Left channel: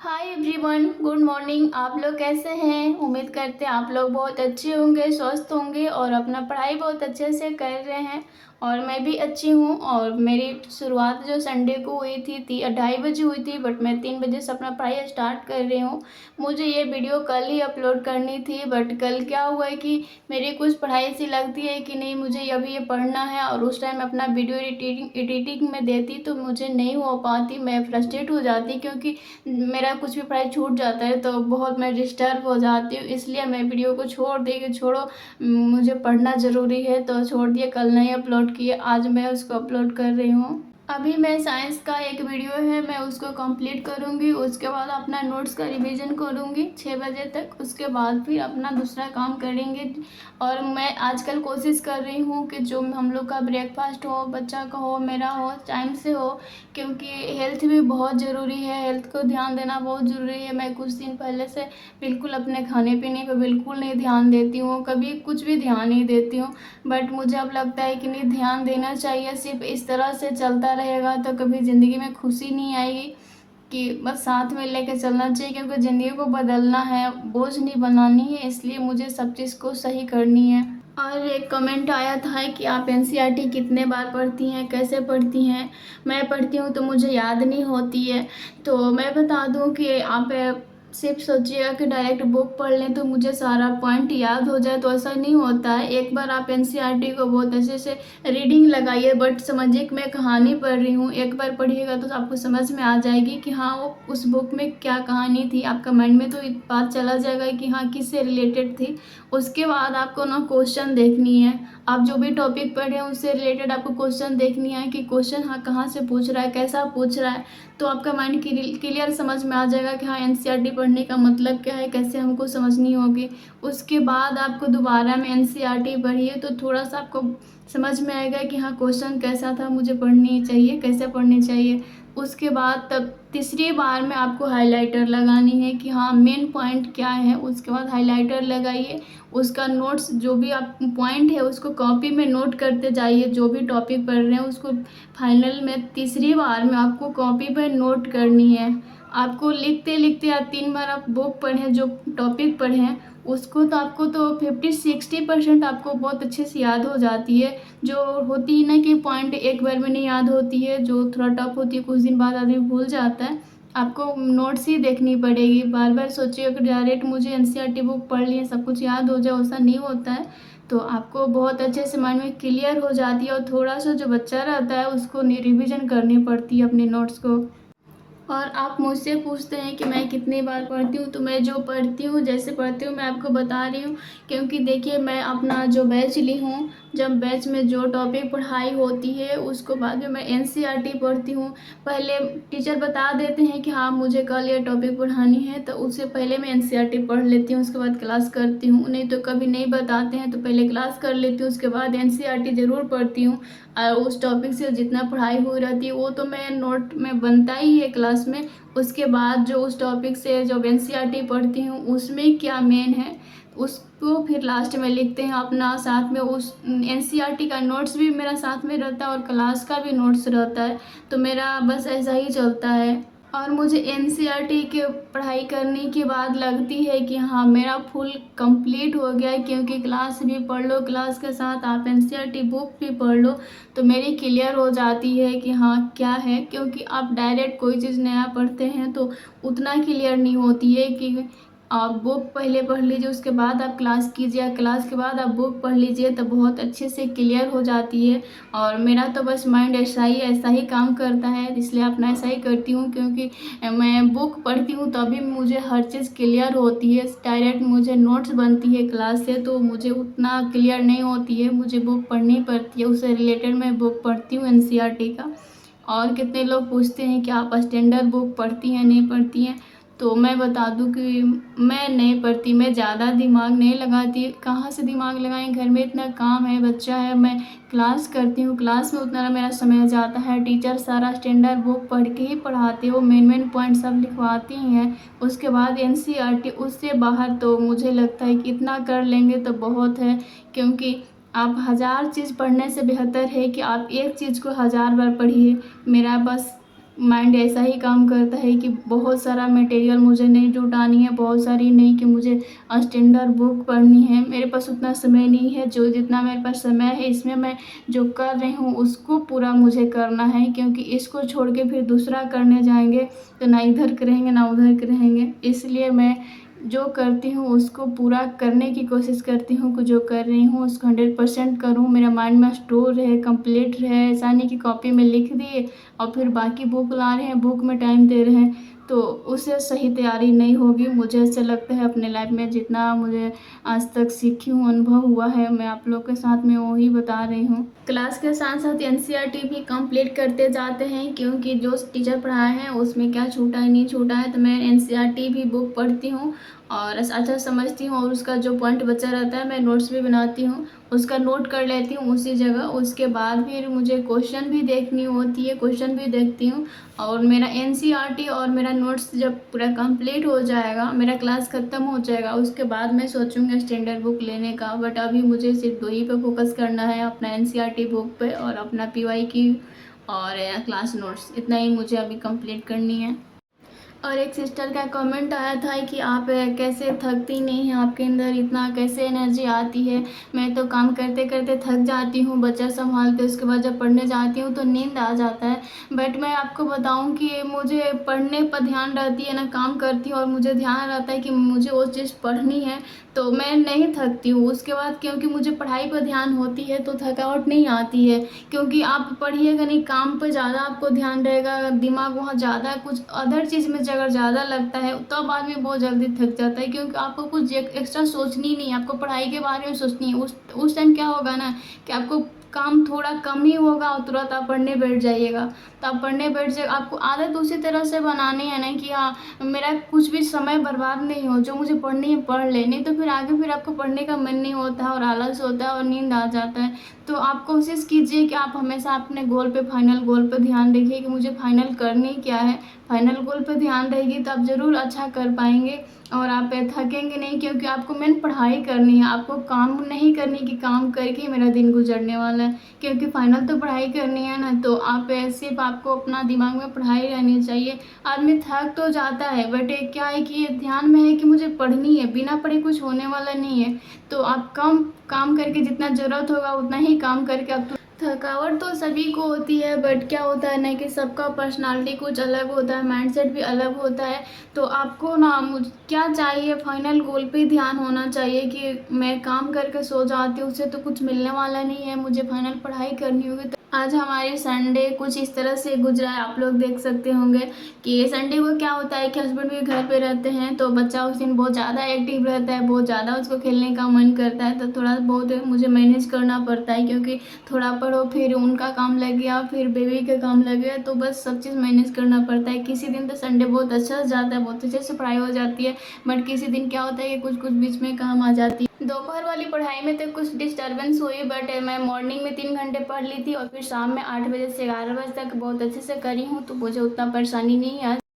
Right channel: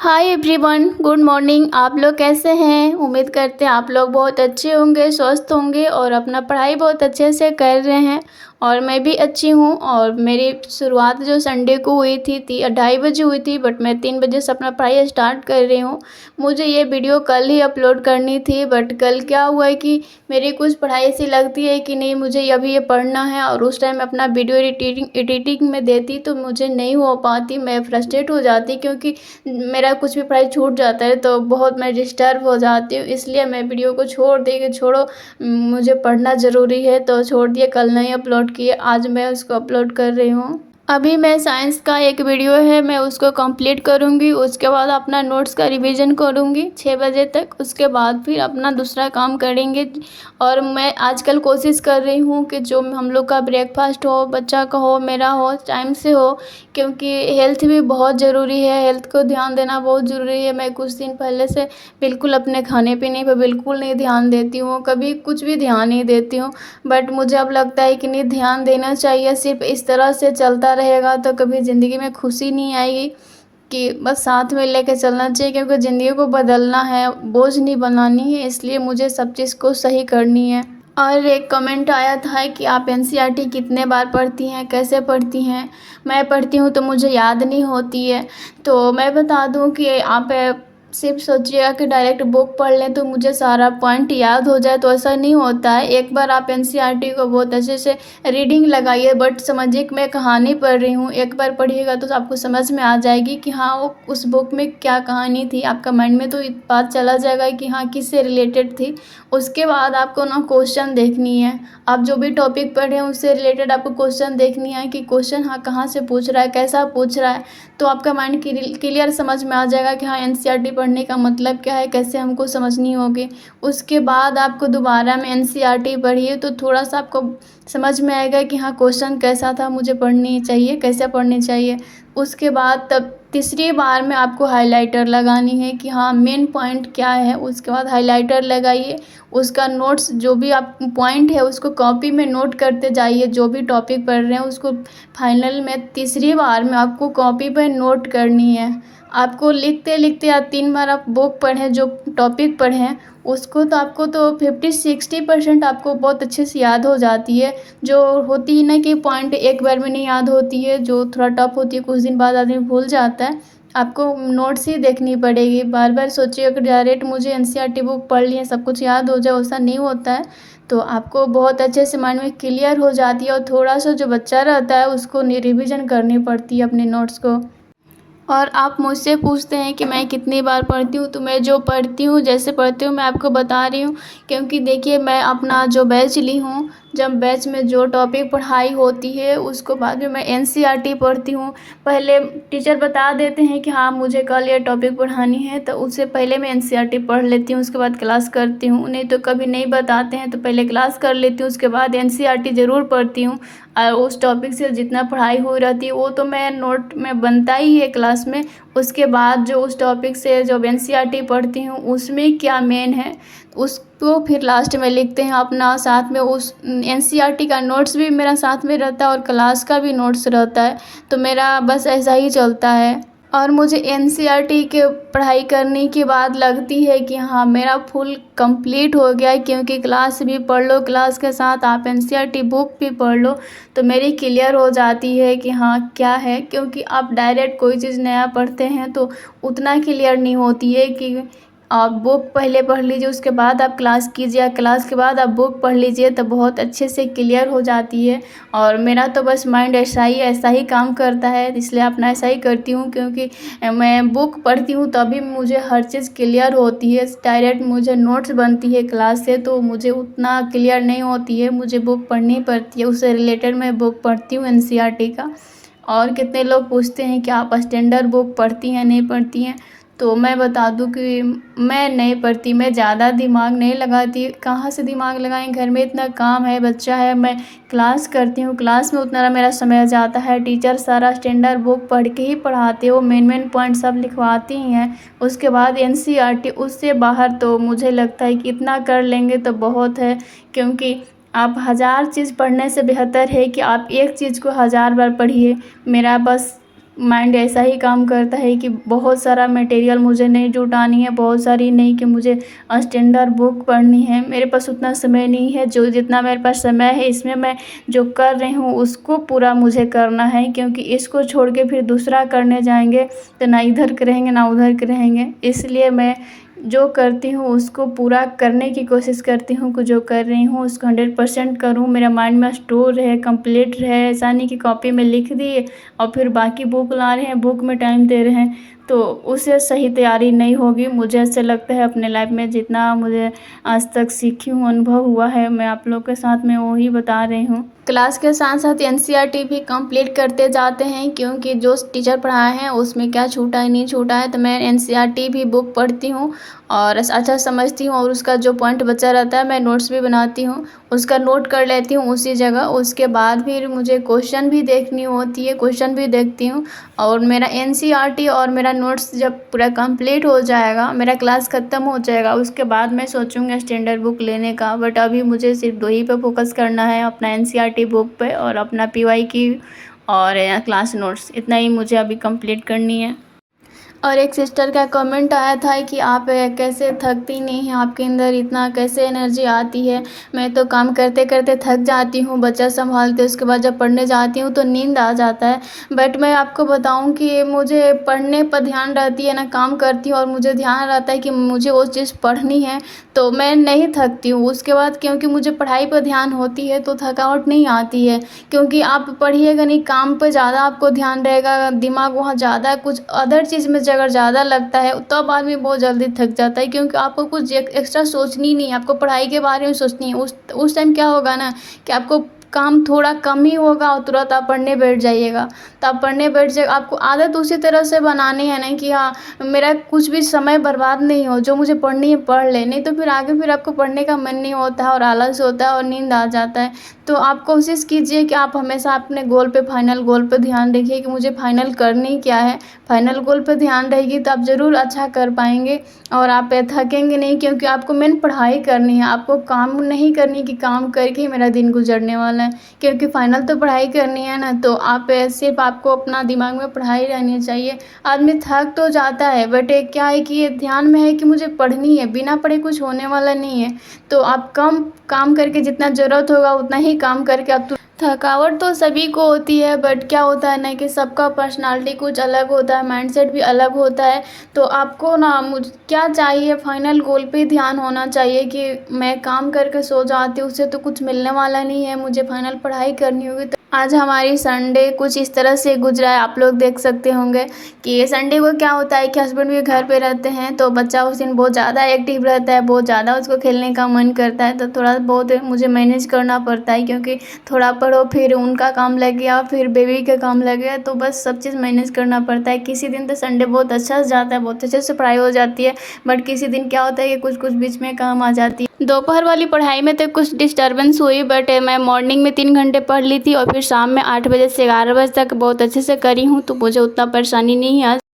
Hi everyone, good morning. आप लोग कैसे हैं? उम्मीद करते हैं आप लोग बहुत अच्छे होंगे, स्वस्थ होंगे और अपना पढ़ाई बहुत अच्छे से कर रहे हैं। और मैं भी अच्छी हूँ। और मेरी शुरुआत जो संडे को हुई थी 2:30 बजे हुई थी, बट मैं 3 बजे से अपना पढ़ाई स्टार्ट कर रही हूँ। मुझे ये वीडियो कल ही अपलोड करनी थी, बट कल क्या हुआ है कि मेरी कुछ पढ़ाई ऐसी लगती है कि नहीं, मुझे अभी ये पढ़ना है और उस टाइम अपना वीडियो एडिटिंग में देती तो मुझे नहीं हो पाती। मैं फ्रस्ट्रेट हो जाती क्योंकि मेरा कुछ भी पढ़ाई छूट जाता है तो बहुत मैं डिस्टर्ब हो जाती हूँ। इसलिए मैं वीडियो को छोड़ दी कि छोड़ो, मुझे पढ़ना ज़रूरी है, तो छोड़ दिए, कल नहीं अपलोड किए, आज मैं उसको अपलोड कर रही हूँ। अभी मैं साइंस का एक वीडियो है, मैं उसको कंप्लीट करूँगी। उसके बाद अपना नोट्स का रिवीजन करूँगी 6 बजे तक। उसके बाद फिर अपना दूसरा काम करेंगे। और मैं आजकल कोशिश कर रही हूँ कि जो हम लोग का ब्रेकफास्ट हो, बच्चा का हो, मेरा हो, टाइम से हो, क्योंकि हेल्थ भी बहुत ज़रूरी है। हेल्थ को ध्यान देना बहुत ज़रूरी है। मैं कुछ दिन पहले से बिल्कुल अपने खाने पीने पर बिल्कुल नहीं ध्यान देती हूँ, कभी कुछ भी ध्यान नहीं देती हूँ। बट मुझे अब लगता है कि नहीं, ध्यान देना चाहिए। सिर्फ इस तरह से चलता रहेगा तो कभी ज़िंदगी में खुशी नहीं आएगी। कि बस साथ में लेके चलना चाहिए, क्योंकि ज़िंदगी को बदलना है, बोझ नहीं बनानी है। इसलिए मुझे सब चीज़ को सही करनी है। और एक कमेंट आया था कि आप एनसीईआरटी कितने बार पढ़ती हैं, कैसे पढ़ती हैं? मैं पढ़ती हूँ तो मुझे याद नहीं होती है। तो मैं बता दूँ कि आप सिर्फ सोचिएगा कि डायरेक्ट बुक पढ़ लें तो मुझे सारा पॉइंट याद हो जाए, तो ऐसा नहीं होता है। एक बार आप एनसीईआरटी को बहुत अच्छे से रीडिंग लगाइए, बट समझिए कि मैं कहानी पढ़ रही हूँ। एक बार पढ़िएगा तो आपको समझ में आ जाएगी कि हाँ, वो उस बुक में क्या कहानी थी। आपका माइंड में तो बात चला जाएगा कि हाँ, किससे रिलेटेड थी। उसके बाद आपको ना क्वेश्चन देखनी है। आप जो भी टॉपिक पढ़े हैं उससे रिलेटेड आपको क्वेश्चन देखनी है कि क्वेश्चन हाँ कहाँ से पूछ रहा है, कैसा पूछ रहा है। तो आपका माइंड क्लियर समझ में आ जाएगा कि हाँ, एनसीईआरटी पढ़ने का मतलब क्या है, कैसे हमको समझनी होगी। उसके बाद आपको दोबारा में एनसीईआरटी पढ़िए तो थोड़ा सा आपको समझ में आएगा कि हाँ, क्वेश्चन कैसा था, मुझे पढ़नी चाहिए, कैसे पढ़नी चाहिए। उसके बाद तब तीसरी बार में आपको हाइलाइटर लगानी है कि हाँ, मेन पॉइंट क्या है। उसके बाद हाइलाइटर लगाइए। उसका नोट्स जो भी आप पॉइंट है उसको कॉपी में नोट करते जाइए। जो भी टॉपिक पढ़ रहे हैं उसको फाइनल में तीसरी बार में आपको कॉपी पर नोट करनी है। आपको लिखते लिखते या 3 बार आप बुक पढ़ें, जो टॉपिक पढ़ें उसको, तो आपको तो 50-60% आपको बहुत अच्छे से याद हो जाती है। जो होती है ना कि पॉइंट एक बार में नहीं याद होती है, जो थोड़ा टफ होती है, कुछ दिन बाद आदमी भूल जाता है। आपको नोट्स ही देखनी पड़ेगी। बार बार सोचिए कि डायरेक्ट मुझे एनसीईआरटी बुक पढ़ ली है, सब कुछ याद हो जाए, ऐसा नहीं होता है। तो आपको बहुत अच्छे से माइंड में क्लियर हो जाती है। और थोड़ा सा जो बच्चा रहता है उसको रिविज़न करनी पड़ती है अपने नोट्स को। और आप मुझसे पूछते हैं कि मैं कितनी बार पढ़ती हूँ, तो मैं जो पढ़ती हूँ, जैसे पढ़ती हूँ, मैं आपको बता रही हूँ। क्योंकि देखिए, मैं अपना जो बैच ली हूँ, जब बैच में जो टॉपिक पढ़ाई होती है उसको बाद में मैं एनसीईआरटी पढ़ती हूँ। पहले टीचर बता देते हैं कि हाँ, मुझे कल ये टॉपिक पढ़ानी है, तो उससे पहले मैं एनसीईआरटी पढ़ लेती हूँ, उसके बाद क्लास करती हूँ। नहीं तो कभी नहीं बताते हैं तो पहले क्लास कर लेती हूँ, उसके बाद एनसीईआरटी ज़रूर पढ़ती हूँ। और उस टॉपिक से जितना पढ़ाई हो रहती है वो तो मैं नोट में बनता ही है क्लास में। उसके बाद जो उस टॉपिक से जो एनसीईआरटी पढ़ती हूँ उसमें क्या मेन है उसको फिर लास्ट में लिखते हैं अपना। साथ में उस एनसीईआरटी का नोट्स भी मेरा साथ में रहता है और क्लास का भी नोट्स रहता है। तो मेरा बस ऐसा ही चलता है। और मुझे एनसीईआरटी के पढ़ाई करने के बाद लगती है कि हाँ, मेरा फुल कंप्लीट हो गया है, क्योंकि क्लास भी पढ़ लो, क्लास के साथ आप एनसीईआरटी बुक भी पढ़ लो तो मेरी क्लियर हो जाती है कि हाँ क्या है। क्योंकि आप डायरेक्ट कोई चीज़ नया पढ़ते हैं तो उतना क्लियर नहीं होती है कि आप बुक पहले पढ़ लीजिए, उसके बाद आप क्लास कीजिए, क्लास के बाद आप बुक पढ़ लीजिए तो बहुत अच्छे से क्लियर हो जाती है। और मेरा तो बस माइंड ऐसा ही काम करता है, इसलिए अपना ऐसा ही करती हूँ। क्योंकि मैं बुक पढ़ती हूँ तभी मुझे हर चीज़ क्लियर होती है। डायरेक्ट मुझे नोट्स बनती है क्लास से तो मुझे उतना क्लियर नहीं होती है, मुझे बुक पढ़नी पड़ती है। उससे रिलेटेड मैं बुक पढ़ती हूँ एनसीईआरटी का। और कितने लोग पूछते हैं कि आप स्टैंडर्ड बुक पढ़ती हैं, नहीं पढ़ती हैं? तो मैं बता दूं कि मैं नहीं पढ़ती, मैं ज़्यादा दिमाग नहीं लगाती। कहाँ से दिमाग लगाएं, घर में इतना काम है, बच्चा है, मैं क्लास करती हूँ, क्लास में उतना मेरा समय जाता है। टीचर सारा स्टैंडर्ड बुक पढ़ के ही पढ़ाते हो, मेन पॉइंट सब लिखवाती ही हैं। उसके बाद एनसीईआरटी, उससे बाहर तो मुझे लगता है कि इतना कर लेंगे तो बहुत है। क्योंकि आप 1000 चीज़ पढ़ने से बेहतर है कि आप एक चीज़ को 1000 बार पढ़िए। मेरा बस माइंड ऐसा ही काम करता है कि बहुत सारा मटेरियल मुझे नहीं जुटानी है, बहुत सारी नहीं कि मुझे स्टैंडर्ड बुक पढ़नी है। मेरे पास उतना समय नहीं है, जो जितना मेरे पास समय है इसमें मैं जो कर रही हूँ उसको पूरा मुझे करना है, क्योंकि इसको छोड़ के फिर दूसरा करने जाएंगे तो ना इधर के रहेंगे ना उधर के रहेंगे। इसलिए मैं जो करती हूँ उसको पूरा करने की कोशिश करती हूँ कि जो कर रही हूँ उसको 100% करूँ, मेरा माइंड में स्टोर रहे, कंप्लीट रहे। ऐसा नहीं कि कॉपी में लिख दिए और फिर बाकी बुक ला रहे हैं, बुक में टाइम दे रहे हैं, तो उससे सही तैयारी नहीं होगी। मुझे ऐसे लगता है अपने लाइफ में जितना मुझे आज तक सीखी हूँ, अनुभव हुआ है, मैं आप लोग के साथ में वही बता रही हूँ। क्लास के साथ साथ एनसीईआरटी भी कंप्लीट करते जाते हैं, क्योंकि जो टीचर पढ़ाए हैं उसमें क्या छूटा है नहीं छूटा है, तो मैं एनसीईआरटी भी बुक पढ़ती हूँ और अच्छा समझती हूँ, और उसका जो पॉइंट बचा रहता है मैं नोट्स भी बनाती हूँ, उसका नोट कर लेती हूँ उसी जगह। उसके बाद फिर मुझे क्वेश्चन भी देखनी होती है, क्वेश्चन भी देखती हूँ। और मेरा एनसीईआरटी और मेरा नोट्स जब पूरा कंप्लीट हो जाएगा, मेरा क्लास ख़त्म हो जाएगा, उसके बाद मैं सोचूंगी स्टैंडर्ड बुक लेने का। बट अभी मुझे सिर्फ दो ही पे फोकस करना है, अपना एनसीईआरटी बुक पे और अपना पीवाई की और क्लास नोट्स, इतना ही मुझे अभी कंप्लीट करनी है। और एक सिस्टर का कमेंट आया था कि आप कैसे थकती नहीं हैं, आपके अंदर इतना कैसे एनर्जी आती है। मैं तो काम करते करते थक जाती हूँ, बच्चा संभालते, उसके बाद जब पढ़ने जाती हूँ तो नींद आ जाता है। बट मैं आपको बताऊँ कि मुझे पढ़ने पर ध्यान रहती है ना, काम करती हूँ और मुझे ध्यान रहता है कि मुझे वो चीज़ पढ़नी है, तो मैं नहीं थकती हूँ उसके बाद, क्योंकि मुझे पढ़ाई पर ध्यान होती है तो थकावट नहीं आती है। क्योंकि आप पढ़िएगा नहीं, काम पर ज़्यादा आपको ध्यान रहेगा, दिमाग वहाँ ज़्यादा कुछ अदर चीज़ में अगर ज़्यादा लगता है तब आदमी बहुत जल्दी थक जाता है, क्योंकि आपको कुछ एक्स्ट्रा सोचनी नहीं है, आपको पढ़ाई के बारे में सोचनी है। उस टाइम क्या होगा ना कि आपको काम थोड़ा कम ही होगा और तुरंत आप पढ़ने बैठ जाइएगा। तो आप पढ़ने बैठ जाए, आपको आदत उसी तरह से बनानी है ना कि हाँ मेरा कुछ भी समय बर्बाद नहीं हो, जो मुझे पढ़नी है पढ़ ले, नहीं तो फिर आगे फिर आपको पढ़ने का मन नहीं होता है और आलस होता है और नींद आ जाता है। तो आप कोशिश कीजिए कि आप हमेशा अपने गोल पे, फाइनल गोल पे ध्यान रखिए कि मुझे फाइनल करनी क्या है। फाइनल गोल पे ध्यान रहेगी तो आप ज़रूर अच्छा कर पाएंगे और आप थकेंगे नहीं, क्योंकि आपको मेन पढ़ाई करनी है, आपको काम नहीं करनी कि काम करके ही मेरा दिन गुजरने वाला है, क्योंकि फाइनल तो पढ़ाई करनी है ना। तो आप सिर्फ आपको अपना दिमाग में पढ़ाई रहनी चाहिए। आदमी थक तो जाता है बट एक क्या है कि ये ध्यान में है कि मुझे पढ़नी है, बिना पढ़े कुछ होने वाला नहीं है। तो आप कम काम करके, जितना ज़रूरत होगा उतना ही काम करके आप, थकावट तो सभी को होती है, बट क्या होता है ना कि सबका पर्सनालिटी कुछ अलग होता है, माइंडसेट भी अलग होता है। तो आपको ना मुझ क्या चाहिए, फाइनल गोल पे ध्यान होना चाहिए कि मैं काम करके सो जाती हूँ, उससे तो कुछ मिलने वाला नहीं है, मुझे फाइनल पढ़ाई करनी होगी। तो आज हमारी संडे कुछ इस तरह से गुजरा है, आप लोग देख सकते होंगे कि संडे को क्या होता है कि हस्बैंड भी घर पे रहते हैं, तो बच्चा उस दिन बहुत ज़्यादा एक्टिव रहता है, बहुत ज़्यादा उसको खेलने का मन करता है, तो थोड़ा बहुत मुझे मैनेज करना पड़ता है, क्योंकि थोड़ा पढ़ो फिर उनका काम लग गया, फिर बेबी का काम लग गया, तो बस सब चीज़ मैनेज करना पड़ता है। किसी दिन तो संडे बहुत अच्छा से जाता है, बहुत अच्छे से पढ़ाई हो जाती है, बट किसी दिन क्या होता है कि कुछ कुछ बीच में काम आ जाती है। दोपहर वाली पढ़ाई में तो कुछ डिस्टर्बेंस हुई, बट मैं मॉर्निंग में 3 घंटे पढ़ ली थी और फिर शाम में 8 बजे से 11 बजे तक बहुत अच्छे से करी हूँ, तो मुझे उतना परेशानी नहीं है।